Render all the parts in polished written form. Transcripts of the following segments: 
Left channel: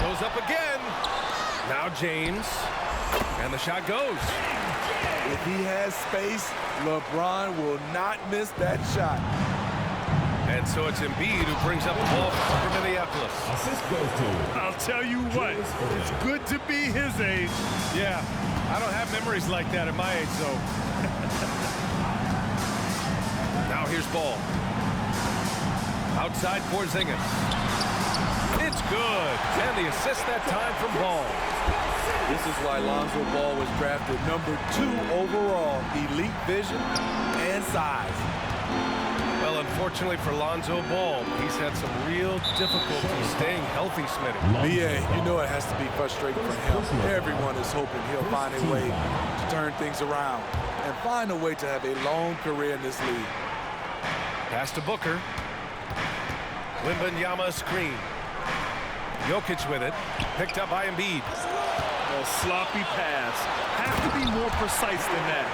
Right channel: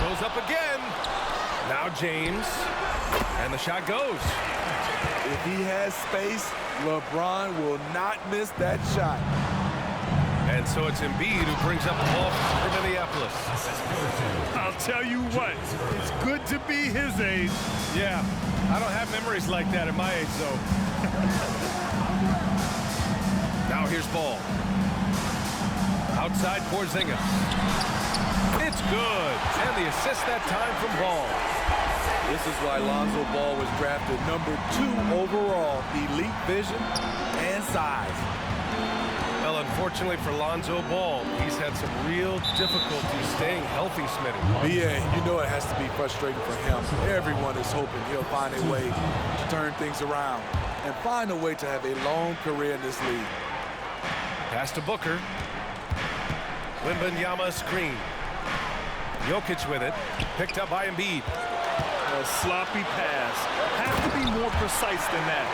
Goes up again. Now James. And the shot goes. If he has space, LeBron will not miss that shot. And so it's Embiid who brings up the ball for Minneapolis. I'll tell you what, it's good to be his age. Yeah, I don't have memories like that at my age, though. Now here's Ball. Outside Porzingis. It's good. And the assist that time from Ball. This is why Lonzo Ball was drafted #2 overall. Elite vision and size. Well, unfortunately for Lonzo Ball, he's had some real difficulty staying healthy, Smitty. BA, you know it has to be frustrating for him. Everyone is hoping he'll find a way to turn things around and find a way to have a long career in this league. Pass to Booker. Wembanyama screen. Jokic with it. Picked up by Embiid. A sloppy pass. Have to be more precise than that.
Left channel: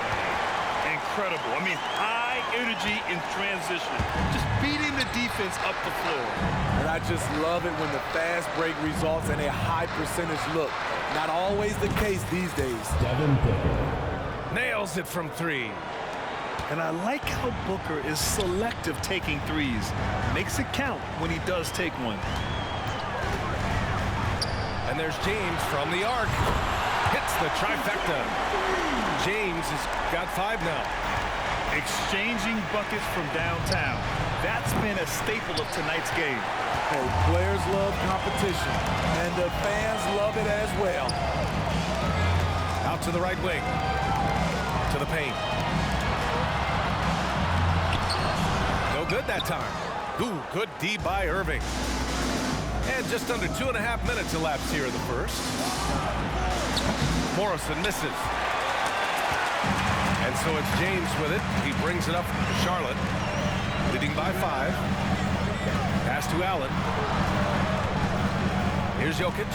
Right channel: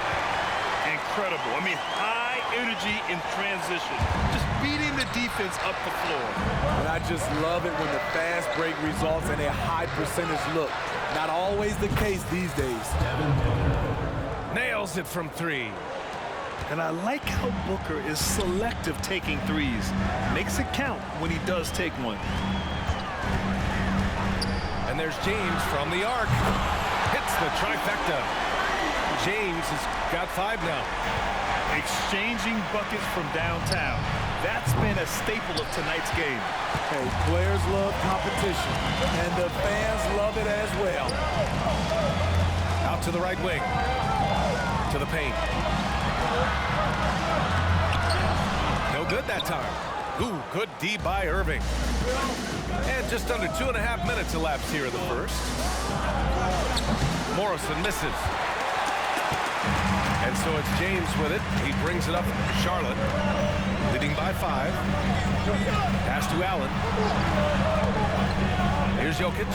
Incredible. I mean, high energy in transition. Just beating the defense up the floor. And I just love it when the fast break results in a high percentage look. Not always the case these days. Nails it from 3. And I like how Booker is selective taking threes. Makes it count when he does take one. And there's James from the arc. Hits the trifecta. James has got 5 now. Exchanging buckets from downtown. That's been a staple of tonight's game. Hey, players love competition, and the fans love it as well. Out to the right wing. To the paint. No good that time. Ooh, good D by Irving. And just under 2.5 minutes elapsed here in the first. Morrison misses. And so it's James with it. He brings it up for Charlotte, leading by 5. Pass to Allen. Here's Jokic.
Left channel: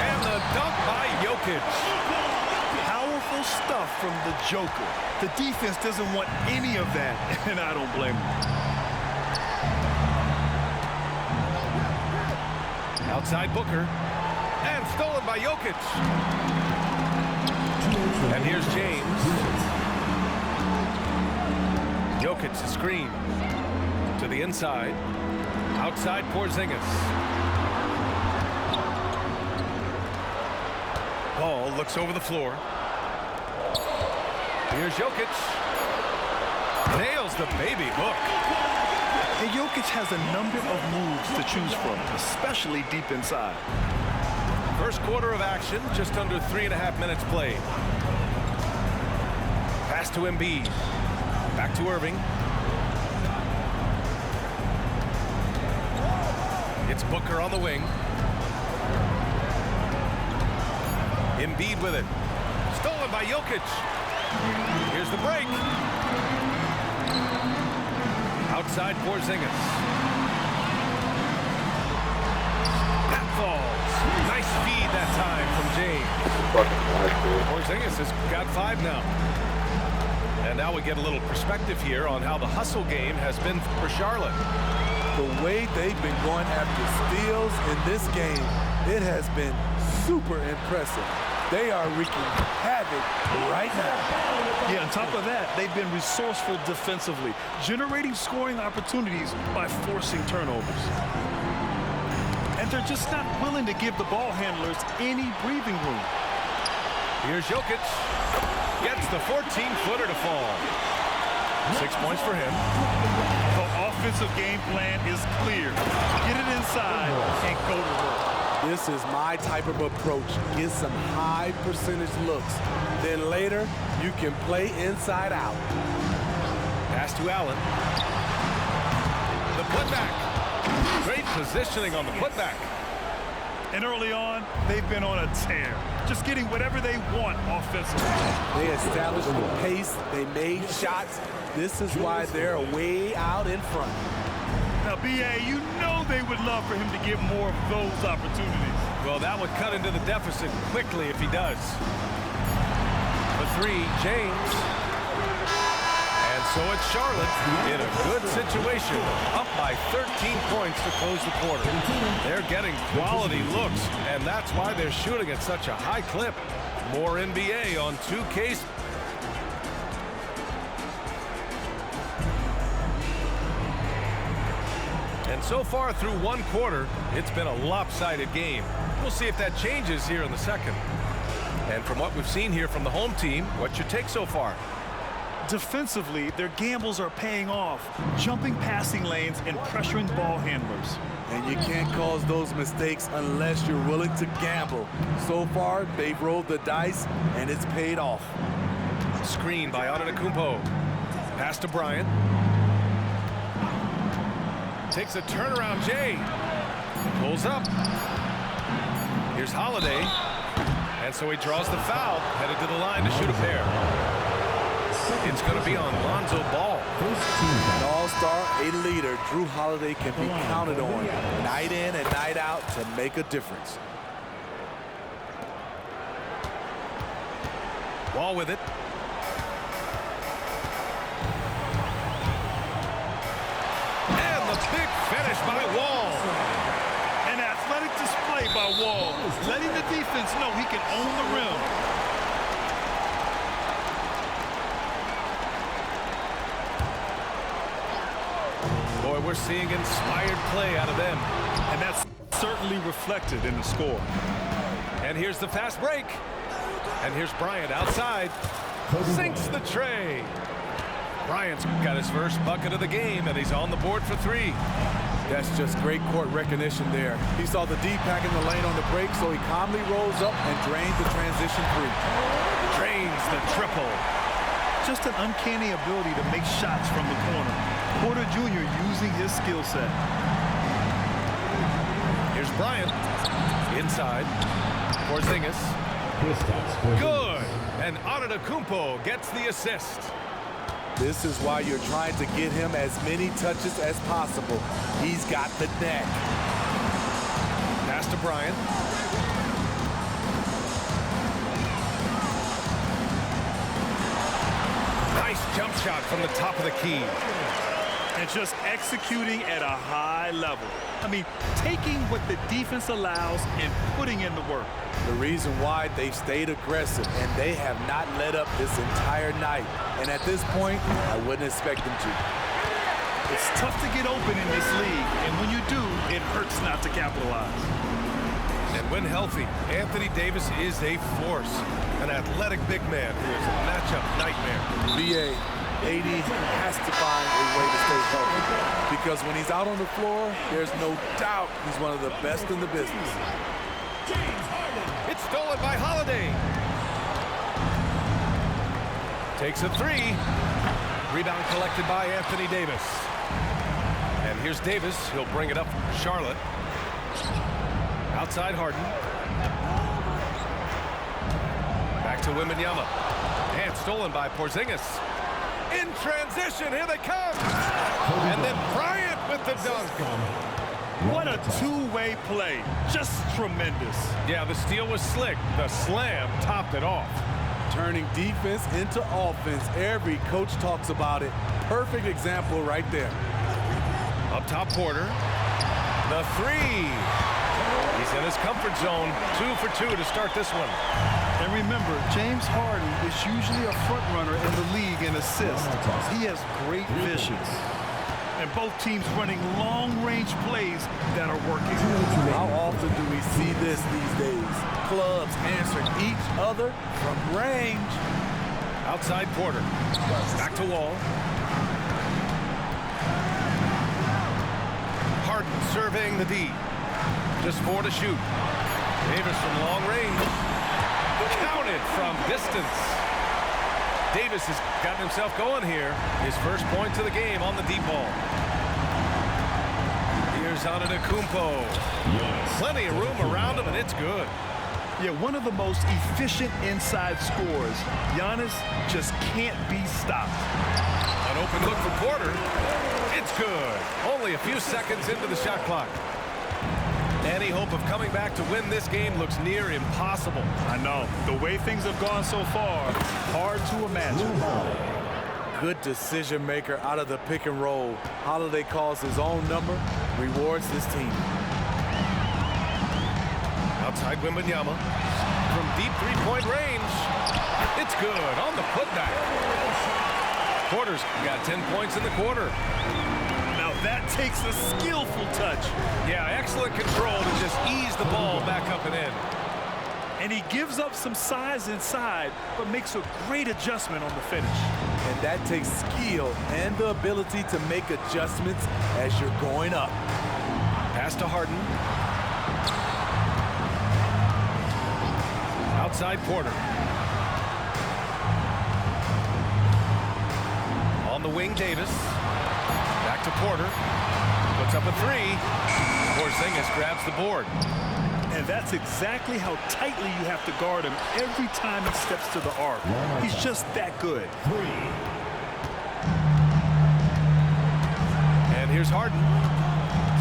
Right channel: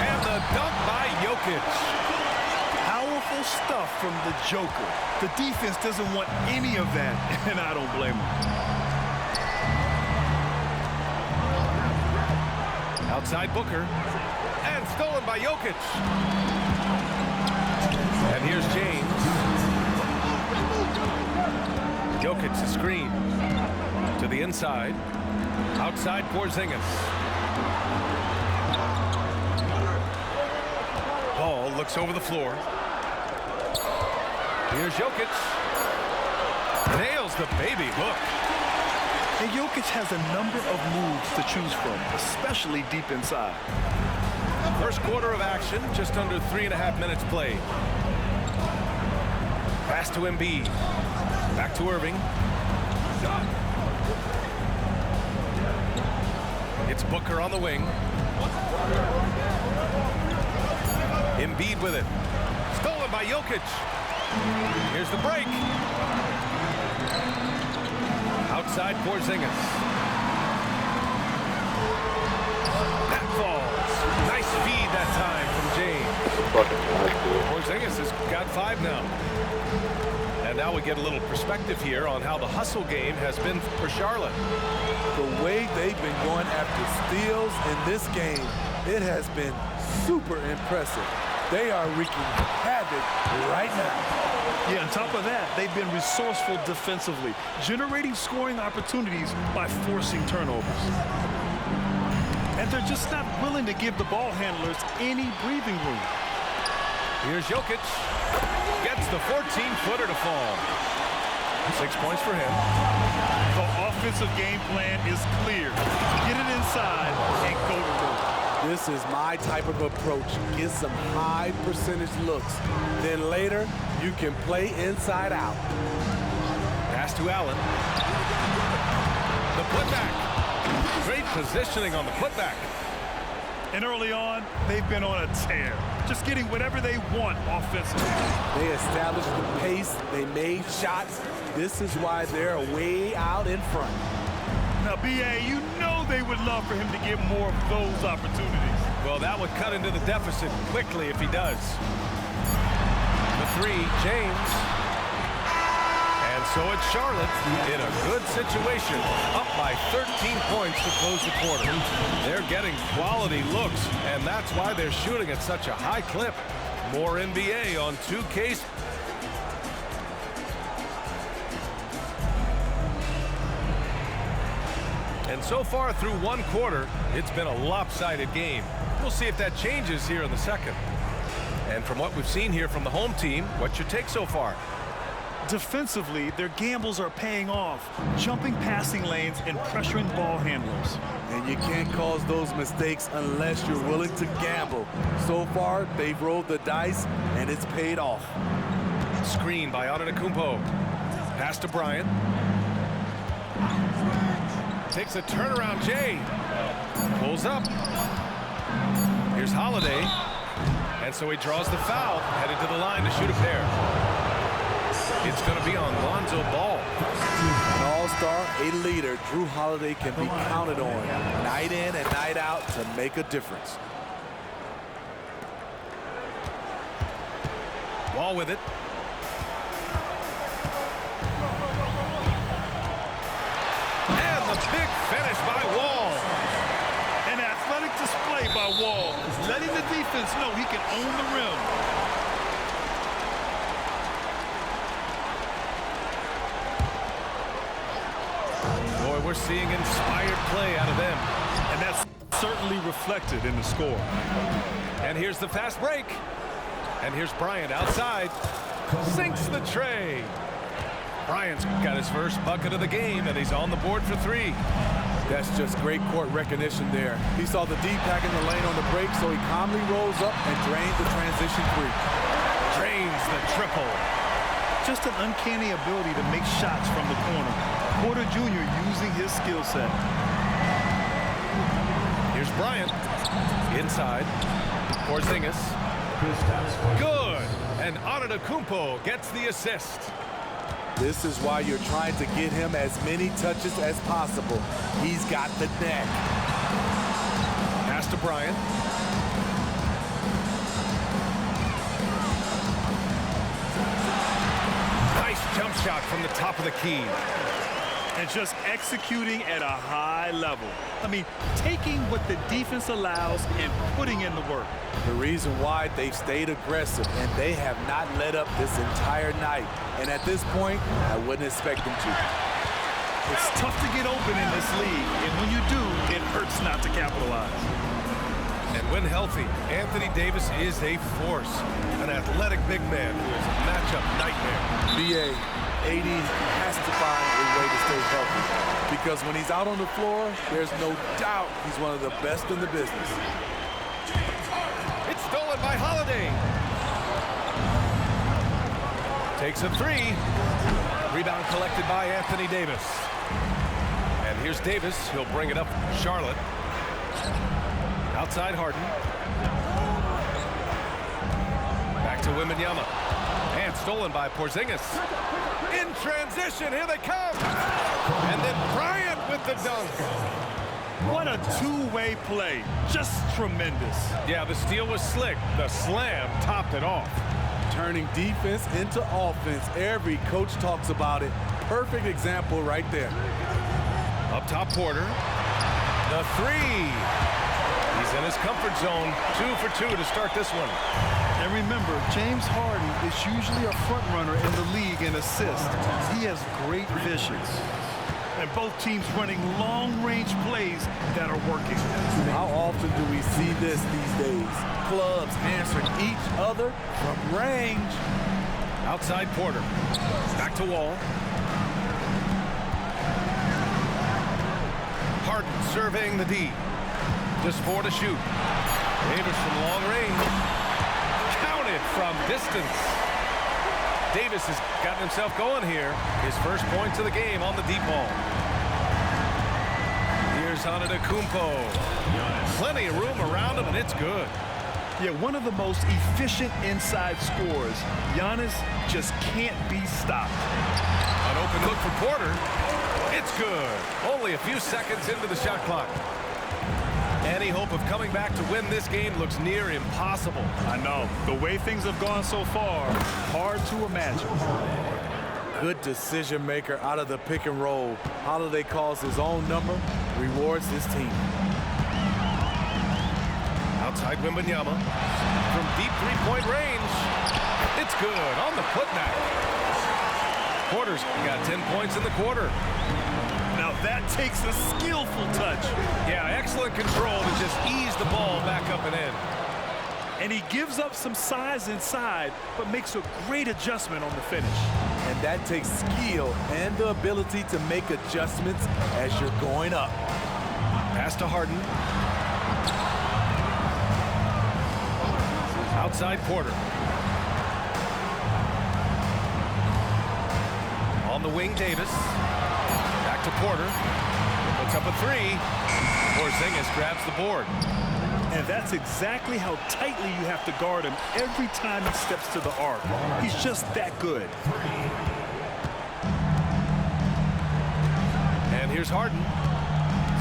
And the dunk by Jokic. Powerful stuff from the Joker. The defense doesn't want any of that, and I don't blame them. Outside Booker. And stolen by Jokic. And here's James. Jokic the screen. To the inside. Outside Porzingis. Ball looks over the floor. Here's Jokic. Nails the baby hook. And Jokic has a number of moves to choose from, especially deep inside. First quarter of action, just under 3.5 minutes played. Pass to Embiid. Back to Irving. It's Booker on the wing. Embiid with it. Stolen by Jokic. Here's the break. Outside Porzingis. That falls. Nice feed that time from James. Porzingis has got 5 now. And now we get a little perspective here on how the hustle game has been for Charlotte. The way they've been going after steals in this game, it has been super impressive. They are wreaking havoc right now. Yeah, on top of that, they've been resourceful defensively, generating scoring opportunities by forcing turnovers. And they're just not willing to give the ball handlers any breathing room. Here's Jokic. Gets the 14-footer to fall. 6 points for him. The offensive game plan is clear. Get it inside and go to work. This is my type of approach. Get some high percentage looks. Then later, you can play inside out. Pass to Allen. The putback. Great positioning on the putback. And early on, they've been on a tear. Just getting whatever they want offensively. They established the pace. They made shots. This is why they're way out in front. Now, B.A., you know they would love for him to get more of those opportunities. Well, that would cut into the deficit quickly if he does. For 3, James. And And so it's Charlotte in a good situation, up by 13 points to close the quarter. They're getting quality looks, and that's why they're shooting at such a high clip. More NBA on 2K. And so far through one quarter, it's been a lopsided game. We'll see if that changes here in the second. And from what we've seen here from the home team, what's your take so far? Defensively, their gambles are paying off, jumping passing lanes and pressuring ball handlers. And you can't cause those mistakes unless you're willing to gamble. So far, they've rolled the dice, and it's paid off. Screen by Antetokounmpo. Pass to Bryant. Takes a turnaround, Jay. Pulls up. Here's Holiday. And so he draws the foul, headed to the line to shoot a pair. It's going to be on Lonzo Ball. An all-star, a leader, Jrue Holiday can be counted on night in and night out to make a difference. Wall with it. And the big finish by Wall. An athletic display by Wall, letting the defense know he can own the rim. Boy, we're seeing inspired play out of them. And that's certainly reflected in the score. And here's the fast break. And here's Bryant outside. Sinks the tray. Bryant's got his first bucket of the game, and he's on the board for three. That's just great court recognition there. He saw the D-pack in the lane on the break, so he calmly rolls up and drains the transition three. Drains the triple. Just an uncanny ability to make shots from the corner. Porter Jr. using his skill set. Here's Bryant. Inside. Porzingis. Good. And Antetokounmpo gets the assist. This is why you're trying to get him as many touches as possible. He's got the neck. Pass to Bryant. Nice jump shot from the top of the key. And just executing at a high level. I mean, taking what the defense allows and putting in the work. The reason why they've stayed aggressive, and they have not let up this entire night. And at this point, I wouldn't expect them to. It's tough to get open in this league, and when you do, it hurts not to capitalize. And when healthy, Anthony Davis is a force. An athletic big man who is a matchup nightmare. BA, AD has to find a way to stay healthy, because when he's out on the floor, there's no doubt he's one of the best in the business. It's stolen by Holiday. Takes a three. Rebound collected by Anthony Davis. And here's Davis. He'll bring it up for Charlotte. Outside Harden. Back to Wembanyama. And stolen by Porzingis. In transition, here they come. And then Bryant with the dunk. What a two-way play. Just tremendous. Yeah, the steal was slick. The slam topped it off. Turning defense into offense. Every coach talks about it. Perfect example right there. Up top, Porter. The three. He's in his comfort zone. 2 for 2 to start this one. And remember, James Harden is usually a front runner in the league in assists. He has great vision. And both teams running long-range plays that are working. How often do we see this these days? Clubs answering each other from range. Outside Porter. Back to Wall. Harden surveying the D. Just 4 to shoot. Davis from long range. Counted from distance. Davis has gotten himself going here. His first points of the game on the deep ball. Here's Antetokounmpo. Plenty of room around him, and it's good. Yeah, one of the most efficient inside scorers. Giannis just can't be stopped. An open look for Porter. It's good. Only a few seconds into the shot clock. Any hope of coming back to win this game looks near impossible. I know. The way things have gone so far, hard to imagine. good decision maker out of the pick and roll. Holiday calls his own number, rewards his team. Outside Wembanyama from deep three-point range. It's good on the putback. Porter's got 10 points in the quarter. Now that takes a skillful touch. Yeah, excellent control to just ease the ball back up and in. And he gives up some size inside, but makes a great adjustment on the finish. And that takes skill and the ability to make adjustments as you're going up. Pass to Harden. Outside Porter. On the wing, Davis. Back to Porter. Puts up a three. Porzingis grabs the board. And that's exactly how tightly you have to guard him every time he steps to the arc. He's just that good. And here's Harden.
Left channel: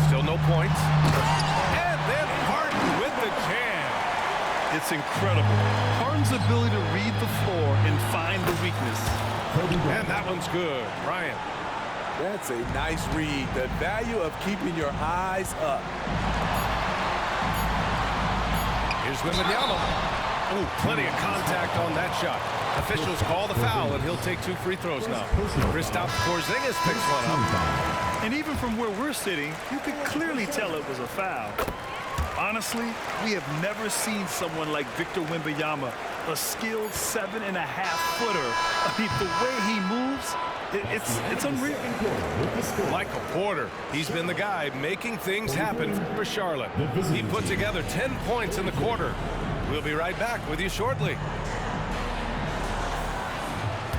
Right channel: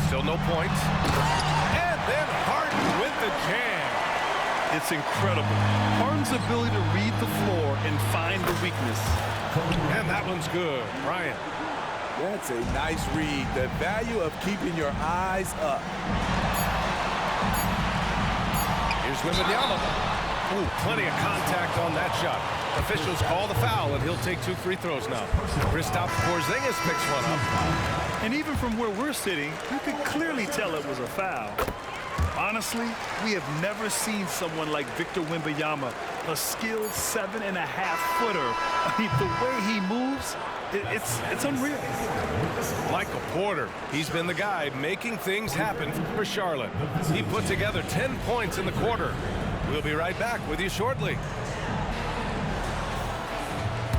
Still no points. And then Harden with the jam. It's incredible. Harden's ability to read the floor and find the weakness. And that one's good. Bryant. That's a nice read. The value of keeping your eyes up. Here's Wembanyama. Oh, plenty of contact on that shot. Officials call the foul, and he'll take 2 free throws now. Kristaps Porzingis picks one up. And even from where we're sitting, you could clearly tell it was a foul. Honestly, we have never seen someone like Victor Wembanyama, a skilled 7.5-footer. I mean, the way he moves, it's unreal. Michael Porter, he's been the guy making things happen for Charlotte. He put together 10 points in the quarter. We'll be right back with you shortly.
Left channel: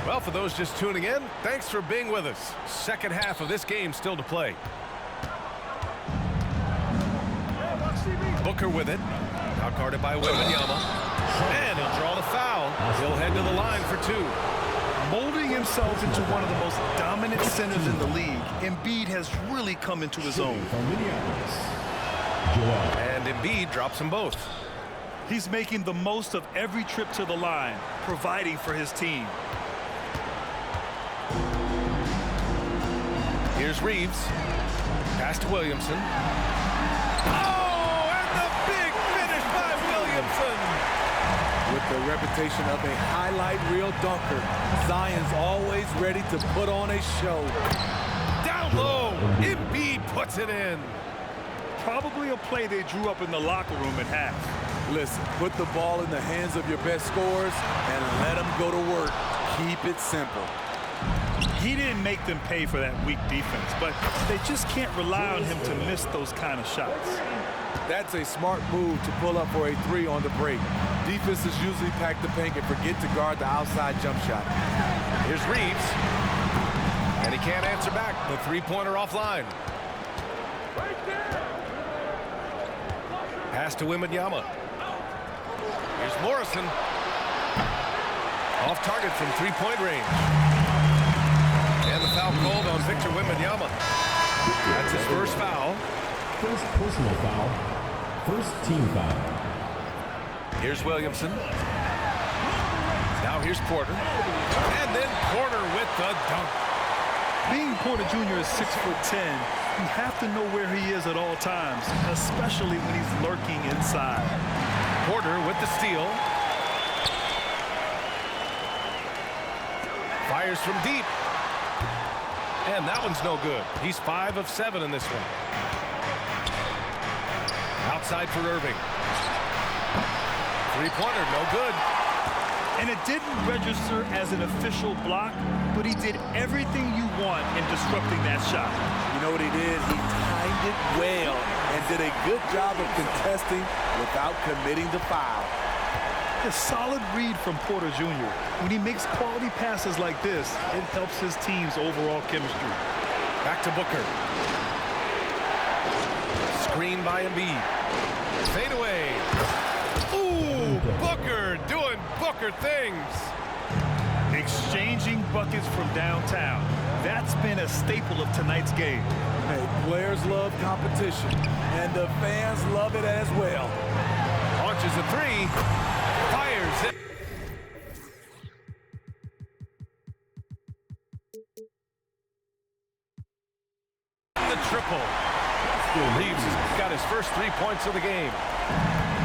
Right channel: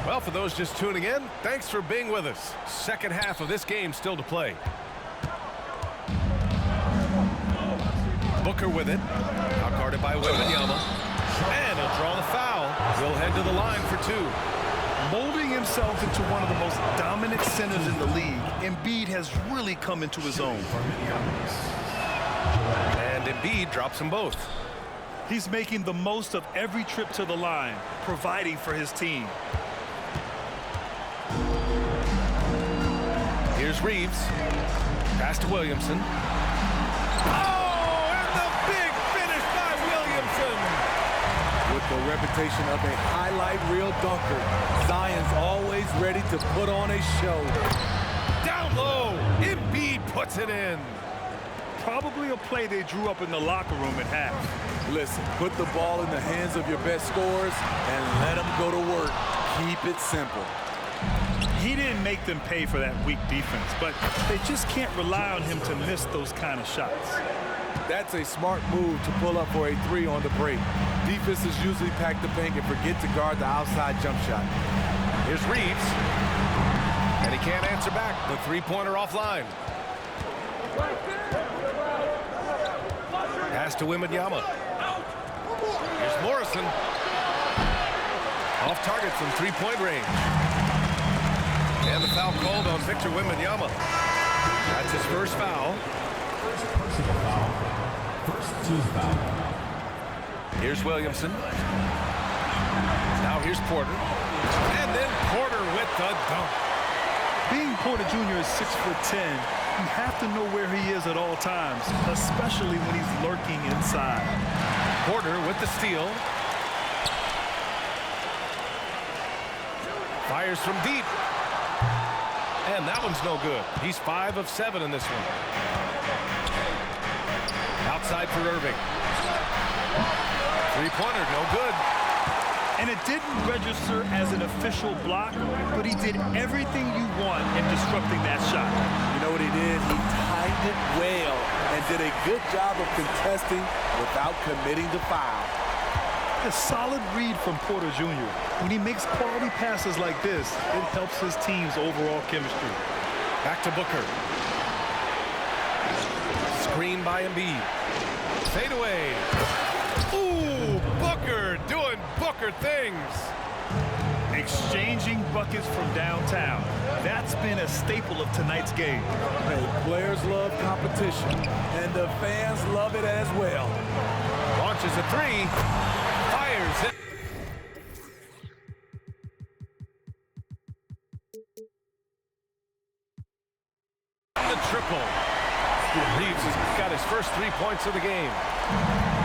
Well, for those just tuning in, thanks for being with us. Second half of this game still to play. Booker with it. Out guarded by Wembanyama. And he'll draw the foul. He'll head to the line for 2. Molding himself into one of the most dominant centers in the league, Embiid has really come into his own. And Embiid drops them both. He's making the most of every trip to the line, providing for his team. Here's Reeves. Pass to Williamson. Oh, and the big finish by Williamson. With the reputation of a highlight reel dunker, Zion's always ready to put on a show. Down low, Embiid puts it in. Probably a play they drew up in the locker room at half. Listen, put the ball in the hands of your best scorers and let them go to work. Keep it simple. He didn't make them pay for that weak defense, but they just can't rely on him to miss those kind of shots. That's a smart move to pull up for a 3 on the break. Defenses usually pack the paint and forget to guard the outside jump shot. Here's Reeves. And he can't answer back. The three-pointer offline. Pass to Wembanyama. Here's Morrison. Off target from three-point range. And the foul called on Victor Wembanyama. That's his first foul. First personal foul. First team foul. Here's Williamson. Now here's Porter. And then Porter with the dunk. Being Porter Jr. is 6'10", you have to know where he is at all times, especially when he's lurking inside. Porter with the steal. Fires from deep. And that one's no good. He's 5 of 7 in this one. Outside for Irving. Three-pointer, no good. And it didn't register as an official block, but he did everything you want in disrupting that shot. You know what he did? He timed it well and did a good job of contesting without committing the foul. A solid read from Porter Jr. When he makes quality passes like this, it helps his team's overall chemistry. Back to Booker. Screen by Embiid. Fade away. Ooh, Booker doing Booker things. Exchanging buckets from downtown. That's been a staple of tonight's game. Hey, players love competition, and the fans love it as well. Launches a three. Fires it. the triple. Reeves has got his first 3 points of the game.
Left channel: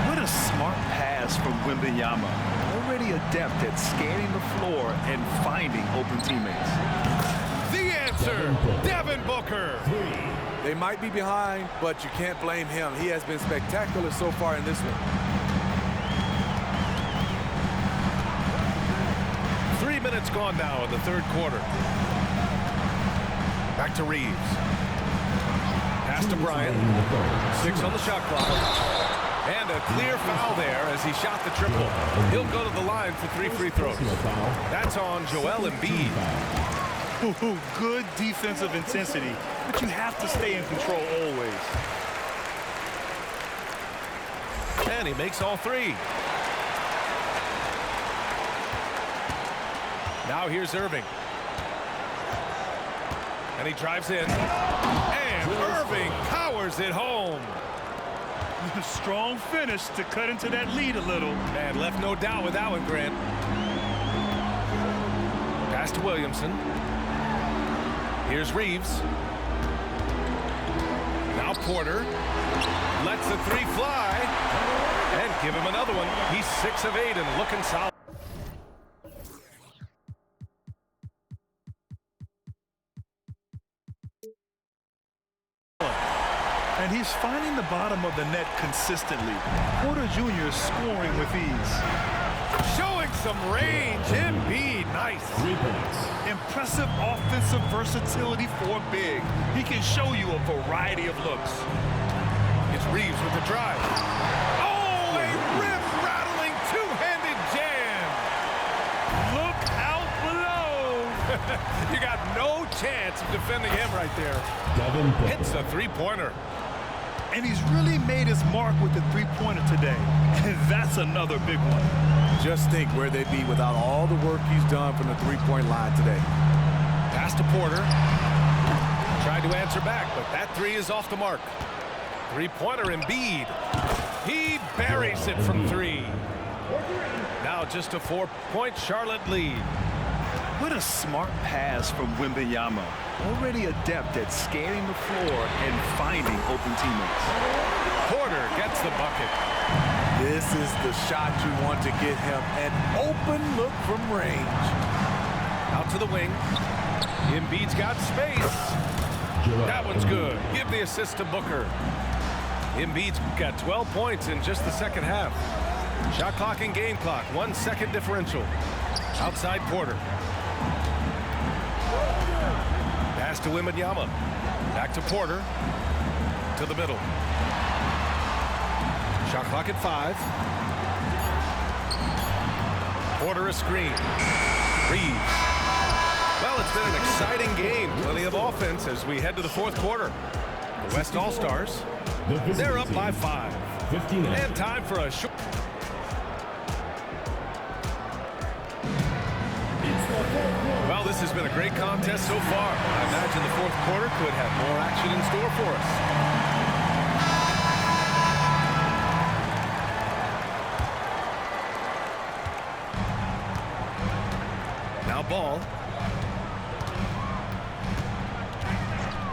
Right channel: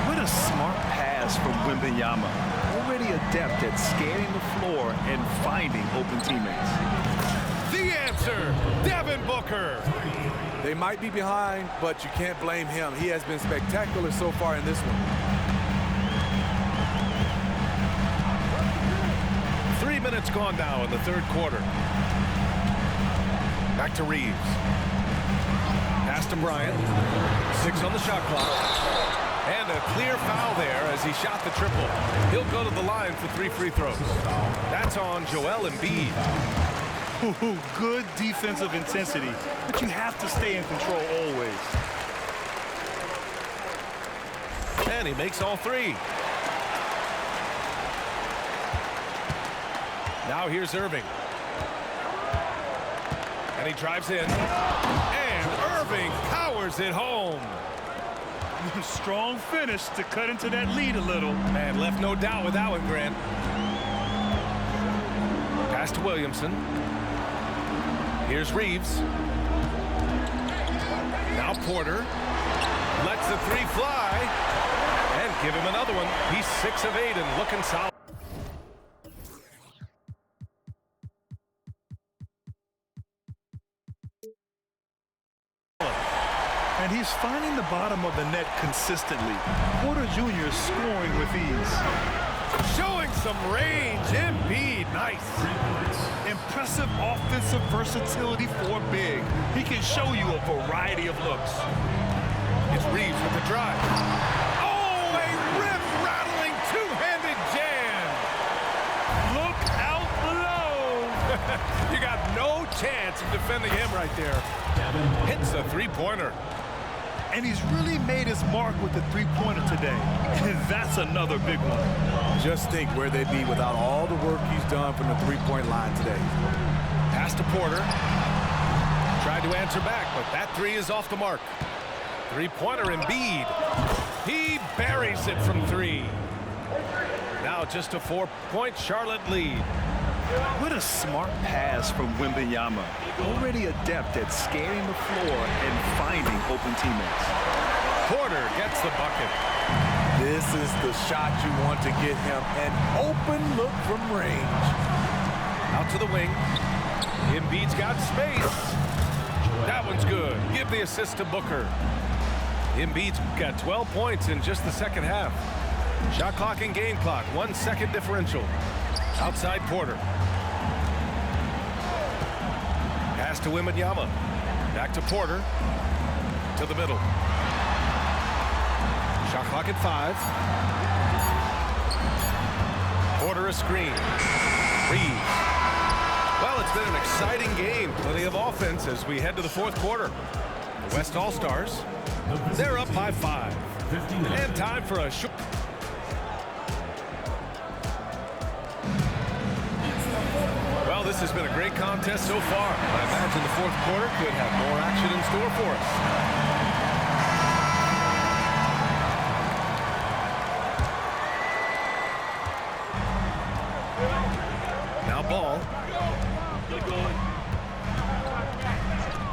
What a smart pass from Wembanyama. Already adept at scanning the floor and finding open teammates. The answer, Devin Booker. They might be behind, but you can't blame him. He has been spectacular so far in this one. 3 minutes gone now in the third quarter. Back to Reeves. Pass to Bryant. 6 on the shot clock. And a clear foul there as he shot the triple. He'll go to the line for 3 free throws. That's on Joel Embiid. Good defensive intensity, but you have to stay in control always. And he makes all 3. Now here's Irving. And he drives in. And Irving powers it home. Strong finish to cut into that lead a little. Man, left no doubt with that one, Grant. Pass to Williamson. Here's Reeves. Now Porter. Lets the 3 fly. And give him another one. He's 6 of 8 and looking solid. And he's finding the bottom of the net consistently. Porter Jr. is scoring with ease. Showing some range. Embiid, nice. 3 points. Impressive offensive versatility for big. He can show you a variety of looks. It's Reeves with the drive. Oh, a rim-rattling two-handed jam. Look out below. You got no chance of defending him right there. Devin Booker. Hits a three-pointer. And he's really made his mark with the three-pointer today. And that's another big one. Just think where they'd be without all the work he's done from the three-point line today. Pass to Porter. Tried to answer back, but that 3 is off the mark. Three-pointer Embiid. He buries it from 3. Now just a 4-point Charlotte lead. What a smart pass from Wembanyama. Already adept at scanning the floor and finding open teammates. Porter gets the bucket. This is the shot you want to get him. An open look from range. Out to the wing. Embiid's got space. That one's good. Give the assist to Booker. Embiid's got 12 points in just the second half. Shot clock and game clock. 1 second differential. Outside Porter. Pass to Wembanyama. Back to Porter. To the middle. Shot clock at 5. Porter a screen. Reeves. Well, it's been an exciting game. Plenty of offense as we head to the fourth quarter. The West All-Stars, they're up by 5. 59. And time for a short... Well, this has been a great contest so far. I imagine the fourth quarter could have more action in store for us. Now ball.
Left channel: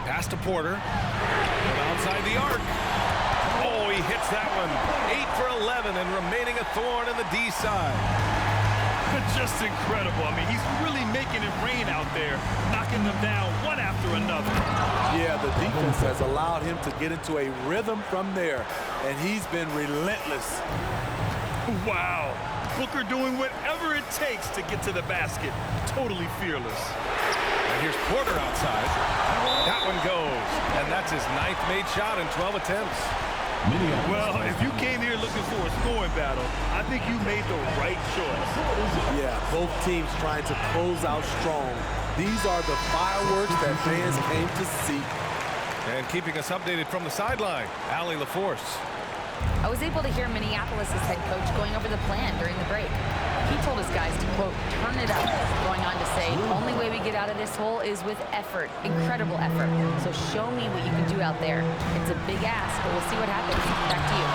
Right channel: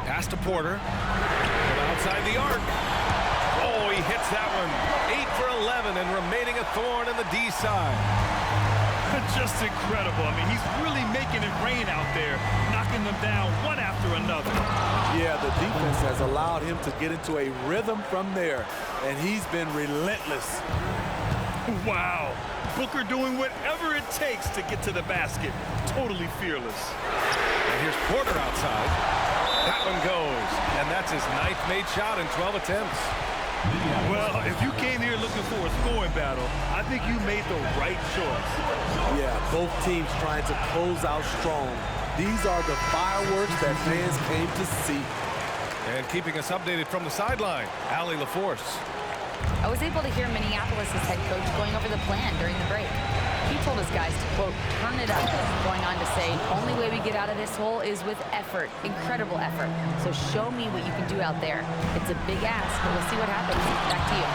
Pass to Porter. From outside the arc. Oh, he hits that one. 8 for 11 and remaining a thorn in the D side. Just incredible. I mean, he's really making it rain out there, knocking them down one after another. Yeah, the defense has allowed him to get into a rhythm from there, and he's been relentless. Wow. Booker doing whatever it takes to get to the basket. Totally fearless. And here's Porter outside. That one goes. And that's his 9th made shot in 12 attempts. Well, if you came here looking for a scoring battle, I think you made the right choice. Yeah, both teams trying to close out strong. These are the fireworks that fans came to see. And keeping us updated from the sideline, Allie LaForce. I was able to hear Minneapolis' head coach going over the plan during the break. He told his guys to, quote, turn it up, going on to say, only way we get out of this hole is with effort, incredible effort. So show me what you can do out there. It's a big ask, but we'll see what happens. Back to you.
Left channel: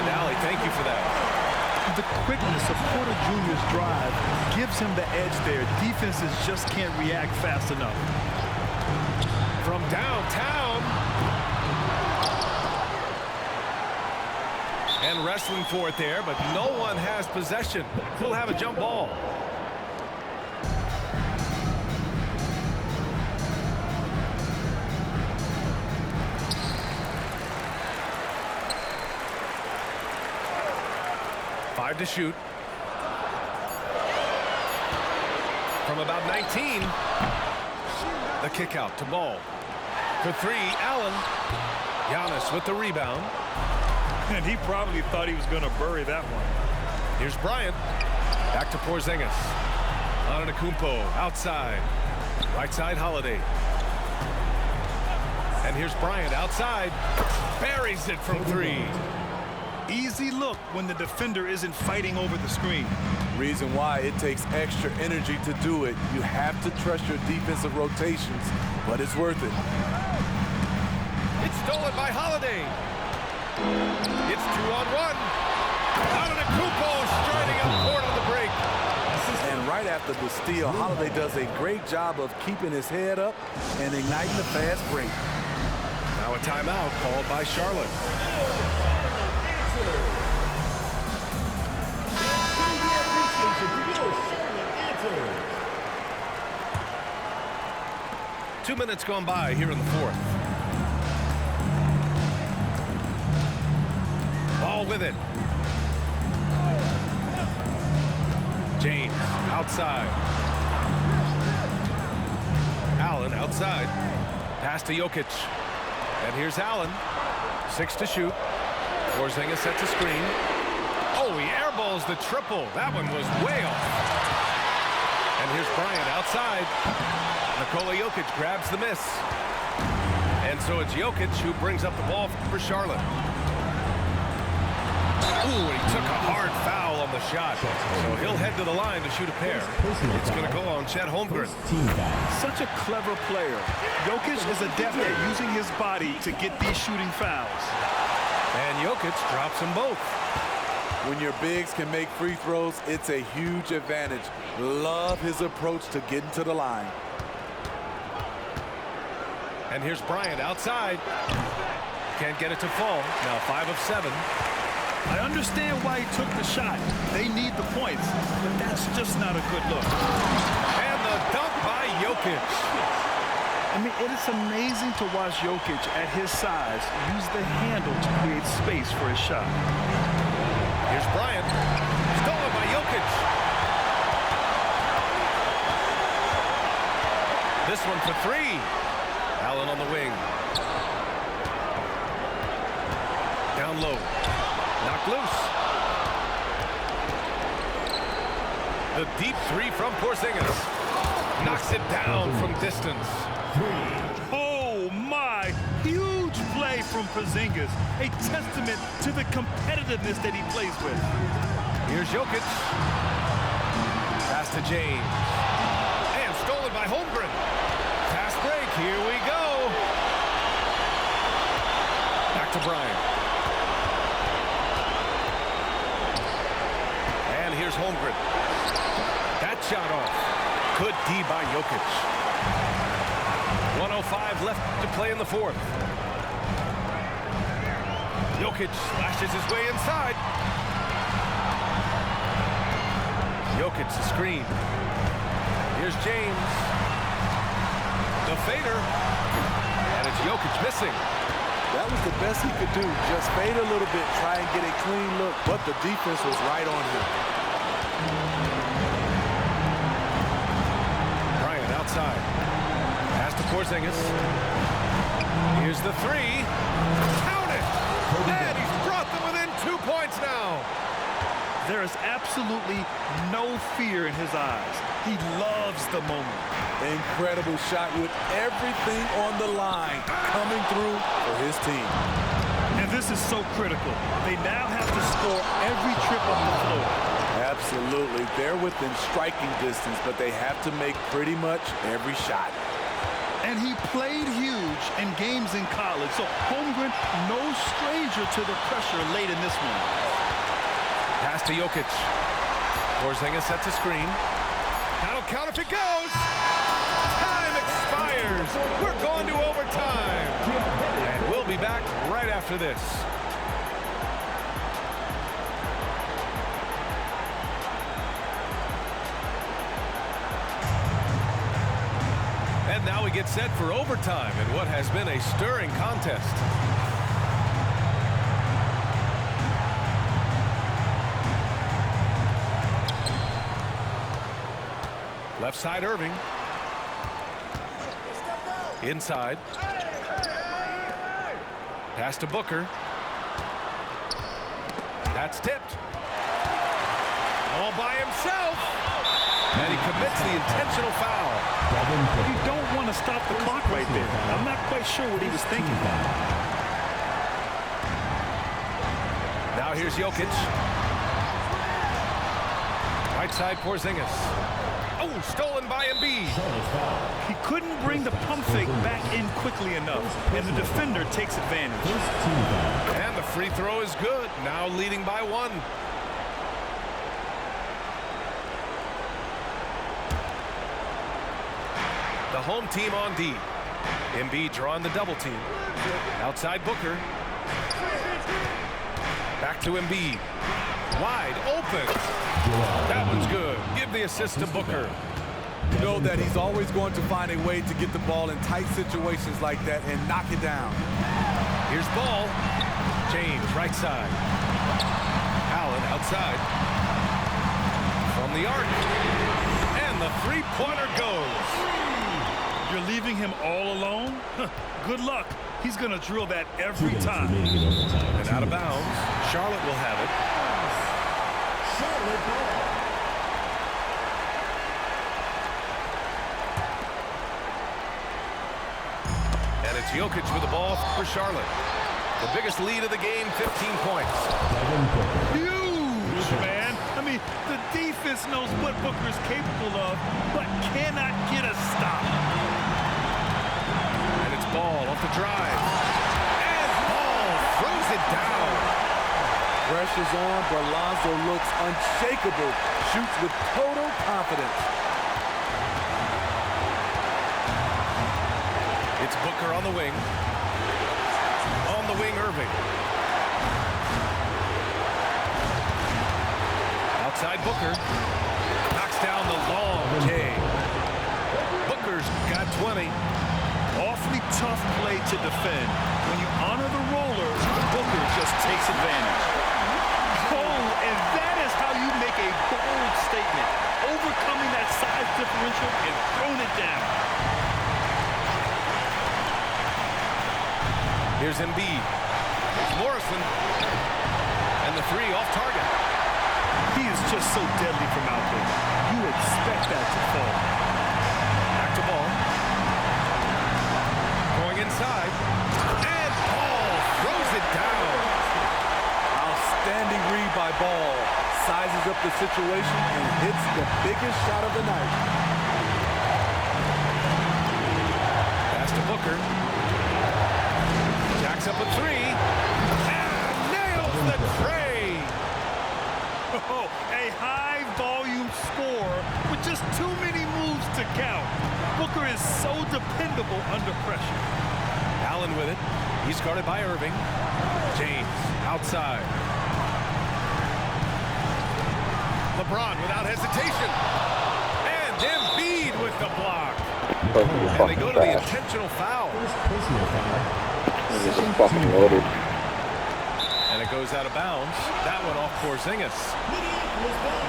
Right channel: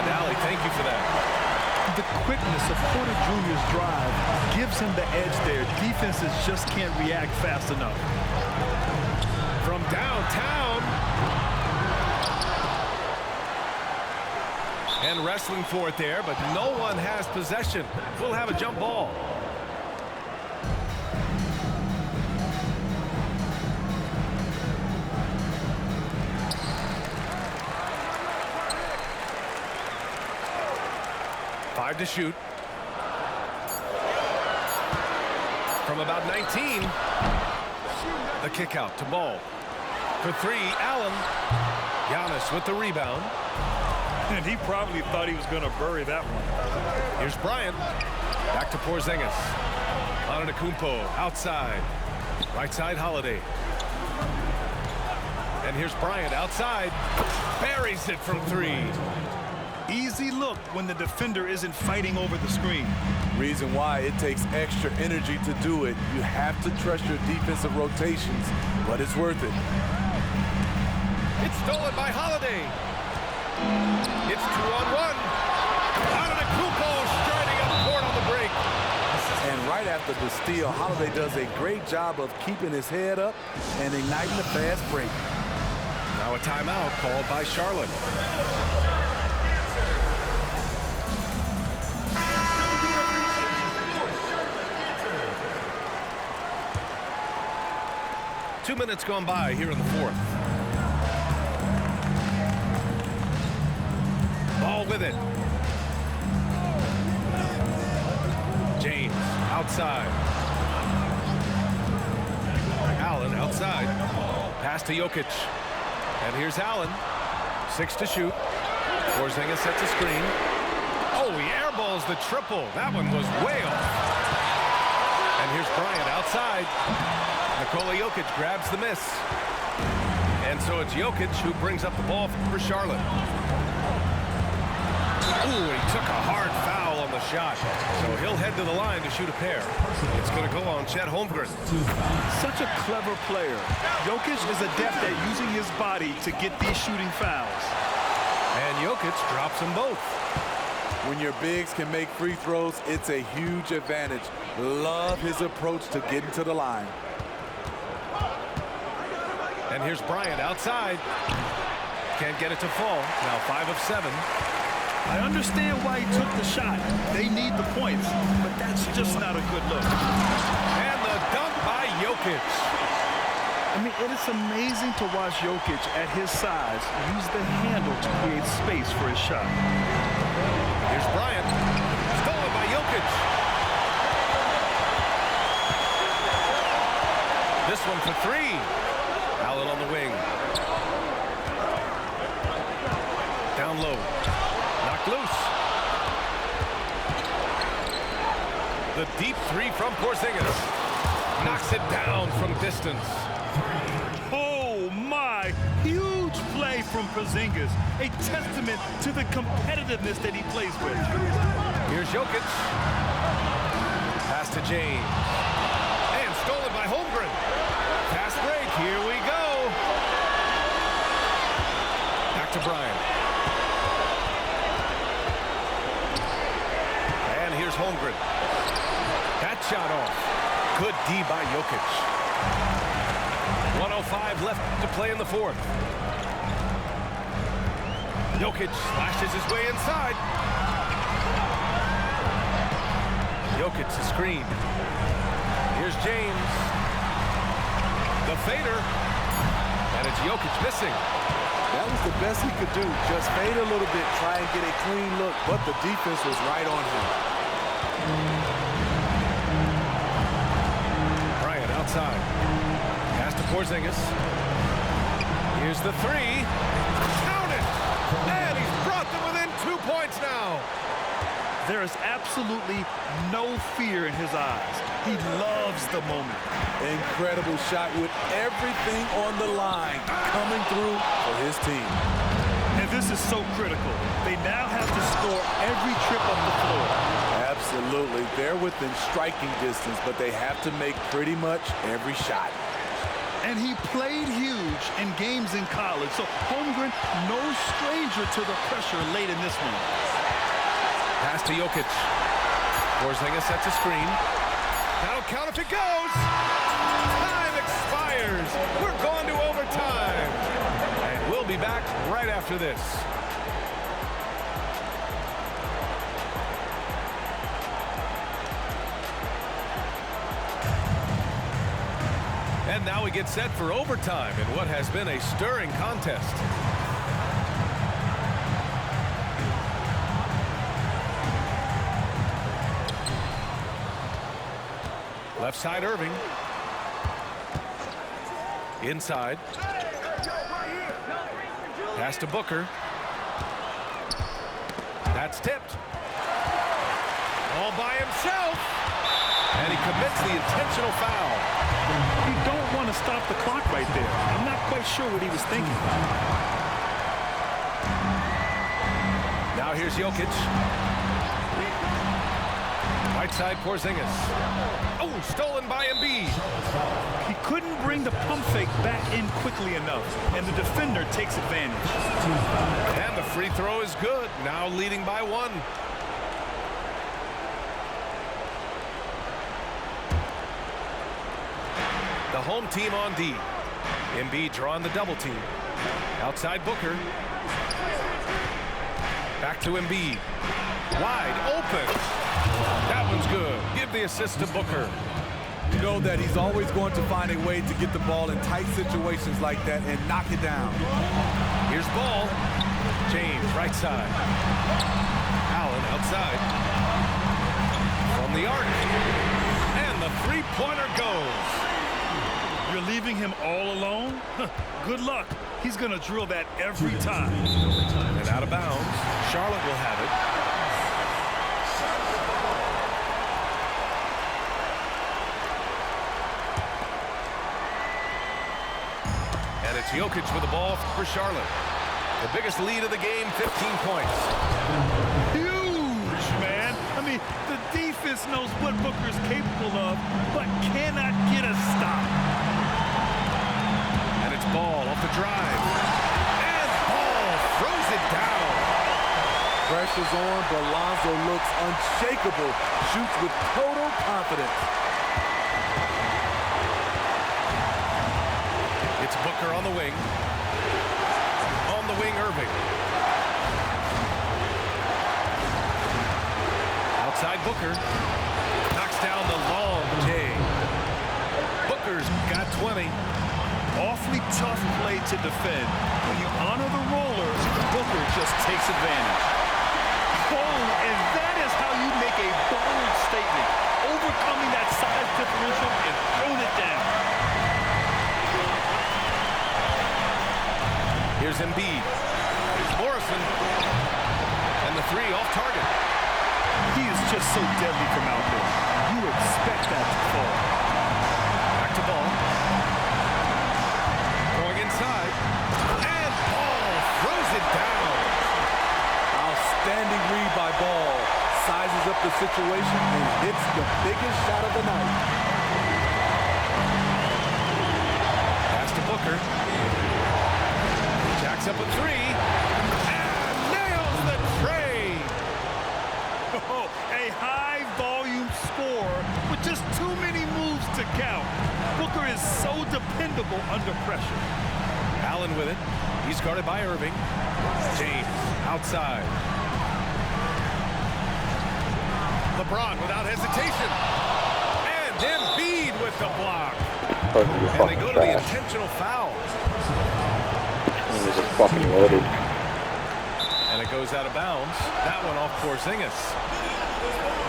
And Allie, thank you for that. The quickness of Porter Jr.'s drive gives him the edge there. Defenses just can't react fast enough. From downtown. And wrestling for it there, but no one has possession. We'll have a jump ball. Five to shoot. From about 19. The kick out to Ball. For three, Allen. Giannis with the rebound. And he probably thought he was going to bury that one. Here's Bryant. Back to Porzingis. Antetokounmpo outside. Right side, Holiday. And here's Bryant outside. Buries it from three. Easy look when the defender isn't fighting over the screen. Reason why it takes extra energy to do it. You have to trust your defensive rotations, but it's worth it. It's stolen by Holiday. It's 2-on-1. Antetokounmpo striding up court on the break. And right after the steal, Holiday does a great job of keeping his head up and igniting the fast break. Now a timeout called by Charlotte. Two minutes gone by here in the fourth. Ball with it. James outside. Allen outside. Pass to Jokic. And here's Allen. 6 to shoot. Porzingis sets a screen. Oh, he airballs the triple. That one was way off. And here's Bryant outside. Nikola Jokic grabs the miss. And so it's Jokic who brings up the ball for Charlotte. Ooh, and he took a hard foul on the shot. So he'll head to the line to shoot a pair. It's going to go on Chet Holmgren. Such a clever player. Jokic is adept at using his body to get these shooting fouls. And Jokic drops them both. When your bigs can make free throws, it's a huge advantage. Love his approach to getting to the line. And here's Bryant outside. Can't get it to fall. Now 5 of 7. I understand why he took the shot. They need the points, but that's just not a good look. And the dunk by Jokic. I mean, it is amazing to watch Jokic at his size use the handle to create space for his shot. Here's Bryant. Stolen by Jokic. This one for three. Allen on the wing. Down low. Knocked loose. The deep three from Porzingis. Knocks it down from distance. Oh, my. Huge play from Porzingis. A testament to the competitiveness that he plays with. Here's Jokic. Pass to James. And stolen by Holmgren. Fast break. Here we go. Back to Bryant. And here's Holmgren. That shot off. Good D by Jokic. 1:05 left to play in the fourth. Jokic slashes his way inside. Jokic the screen. Here's James. The fader. And it's Jokic missing. That was the best he could do. Just fade a little bit, try and get a clean look, but the defense was right on him. Bryant outside. Pass to Porzingis. Here's the three. Count it! And he's brought them within 2 points now. There is absolutely no fear in his eyes. He loves the moment. Incredible shot with everything on the line coming through for his team. And this is so critical. They now have to score every trip up the floor. Absolutely. They're within striking distance, but they have to make pretty much every shot. And he played huge in games in college, so Holmgren no stranger to the pressure late in this one. Pass to Jokic. Porzingis sets a screen. That'll count if it goes. Time expired. fires. We're going to overtime. And we'll be back right after this. And now we get set for overtime in what has been a stirring contest. Left side, Irving. Inside. Pass to Booker. That's tipped. All by himself. And he commits the intentional foul. You don't want to stop the clock right there. I'm not quite sure what he was thinking. Now here's Jokic. Right side, Porzingis. Oh, stolen by Embiid. He couldn't bring the pump fake back in quickly enough, and the defender takes advantage. And the free throw is good. Now leading by 1. The home team on D. Embiid drawing the double team. Outside Booker. Back to Embiid. Wide open. That one's good. Give the assist to Booker. You know that he's always going to find a way to get the ball in tight situations like that and knock it down. Here's Ball. James, right side. Allen outside. From the arc. And the three-pointer goes. You're leaving him all alone? Good luck. He's going to drill that every time. And out of bounds. Charlotte will have it. And it's Jokic with the ball for Charlotte. The biggest lead of the game, 15 points. Huge, man. I mean, the defense knows what Booker's capable of, but cannot get a stop. And it's Ball off the drive. And Ball throws it down. Pressure's on, but Lonzo looks unshakable. Shoots with total confidence. It's Booker on the wing. On the wing, Irving. Outside Booker. Knocks down the long J. Booker's got 20. Awfully tough play to defend. When you honor the roller, Booker just takes advantage. Oh, and that is how you make a bold statement. Overcoming that size differential and throwing it down. Here's Embiid. Here's Morrison. And the three off target. He is just so deadly from out there. You expect that to fall. Back to Ball. Going inside. And Ball throws it down. Outstanding read by Ball. Sizes up the situation and hits the biggest shot of the night. Pass to Booker. Jacks up a three. And nails the tray. Oh, a high-volume score with just too many moves to count. Booker is so dependable under pressure. Allen with it. He's guarded by Irving. James outside. LeBron without hesitation. And Embiid with the block. And they go to the intentional foul. He was just fucking loaded. And it goes out of bounds. That one off Porzingis.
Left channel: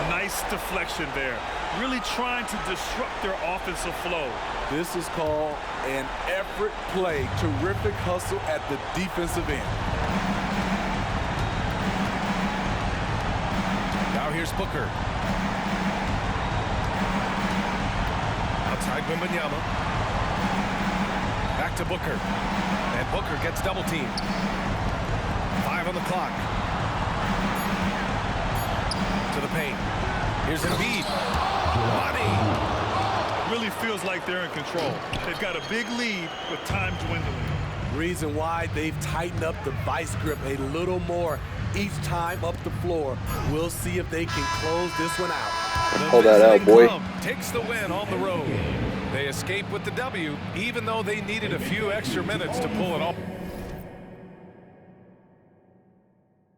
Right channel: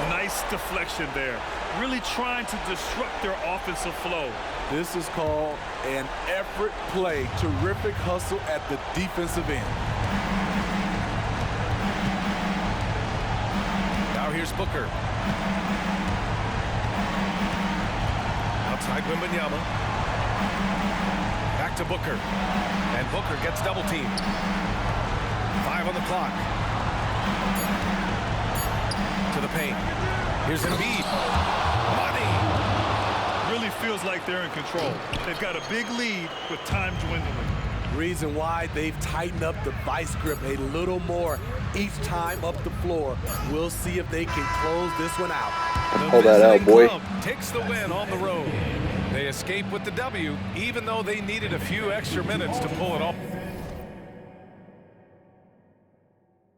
Nice deflection there. Really trying to disrupt their offensive flow. This is called an effort play. Terrific hustle at the defensive end. Now here's Booker. Outside Wembanyama. Back to Booker. And Booker gets double teamed. 5 on the clock. To the paint. Here's Embiid. Money. Really feels like they're in control. They've got a big lead with time dwindling. Reason why they've tightened up the vice grip a little more each time up the floor. We'll see if they can close this one out. The Hold that out, visiting boy. club takes the win on the road. They escape with the W, even though they needed a few extra minutes to pull it off.